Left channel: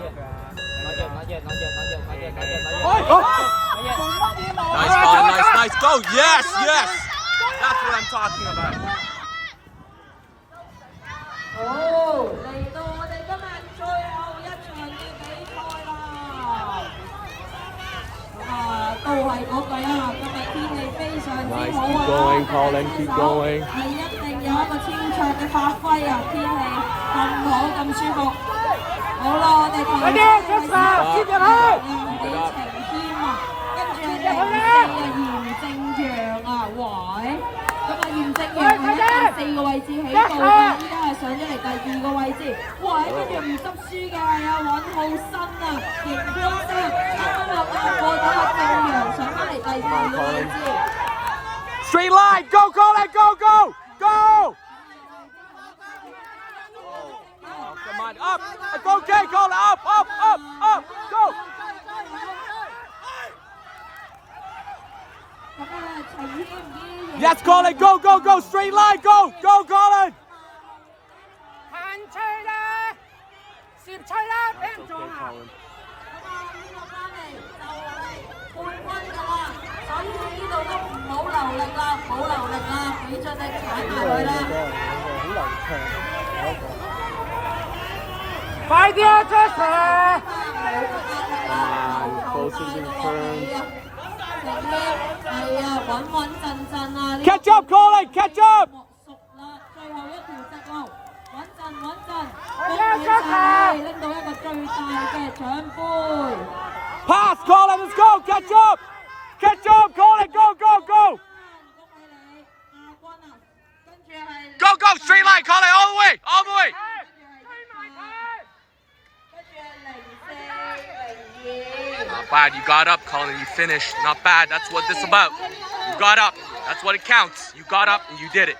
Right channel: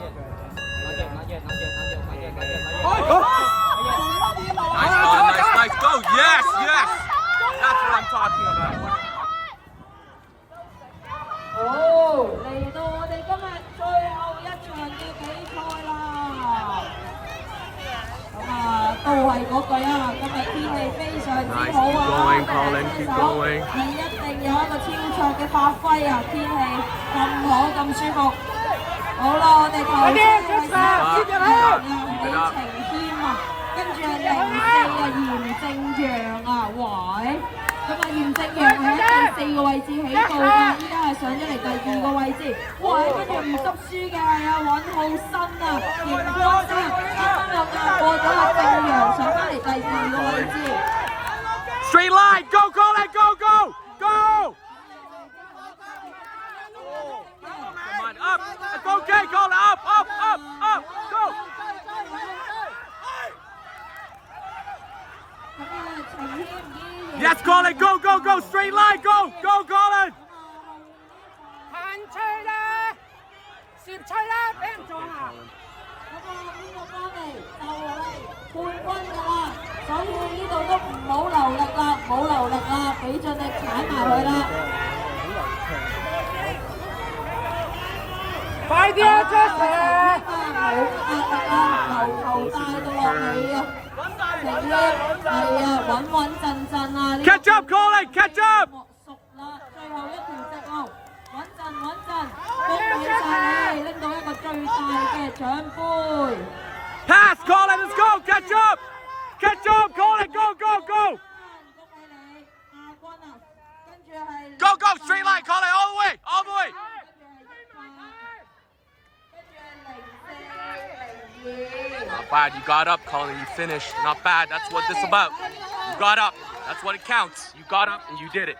Nice, Colin, nice, go! Yes! That's what I'm talking about. 好，嚟到我哋今日最後一場嘅比賽啦。都係嗰句啊，今日天氣非常之好啊。Nice, keep going, Colin, keep going. 係一定有一個超卓嘅發揮啊！天氣咁好咁舒服。好啦，我哋球隊係情謙啊，跟住係04啊，嚴正陽啊，喂！咁啊，嚴正陽係喺第4個位置起步㗎，依家係上咗嚟第2個位置。喂，跟住唔執輸嘅係阿尹浩新啊，邢光生，啱啱又壓過咗阿正陽，上翻嚟第2個位置。Straight line, go, Colin, go! Come on, up! Okay, Colin, up, go! Yes, Colin, go, straight line, go, Colin! 行吹啦，攝吹啦，俾人撞啊！冠軍㗎啦，所以呢度都唔好留力啦，俾盡力踩埋佢啦。快啲啊 ，Justin！ Catch up, Colin, catch up! 熟啦，最後一條直路，穩陣，恭喜晒你拎到一個最大嘅獎杯。Pass, Colin, let's go, catch up, Colin, go! 恭喜你，亞軍啊，跟住係 Go, straight line, Colin, all the way! 0402。Not bad, you got up, Colin, you finished. Not bad, that's what this is about. You got up, that's what it counts. You got up and you did it.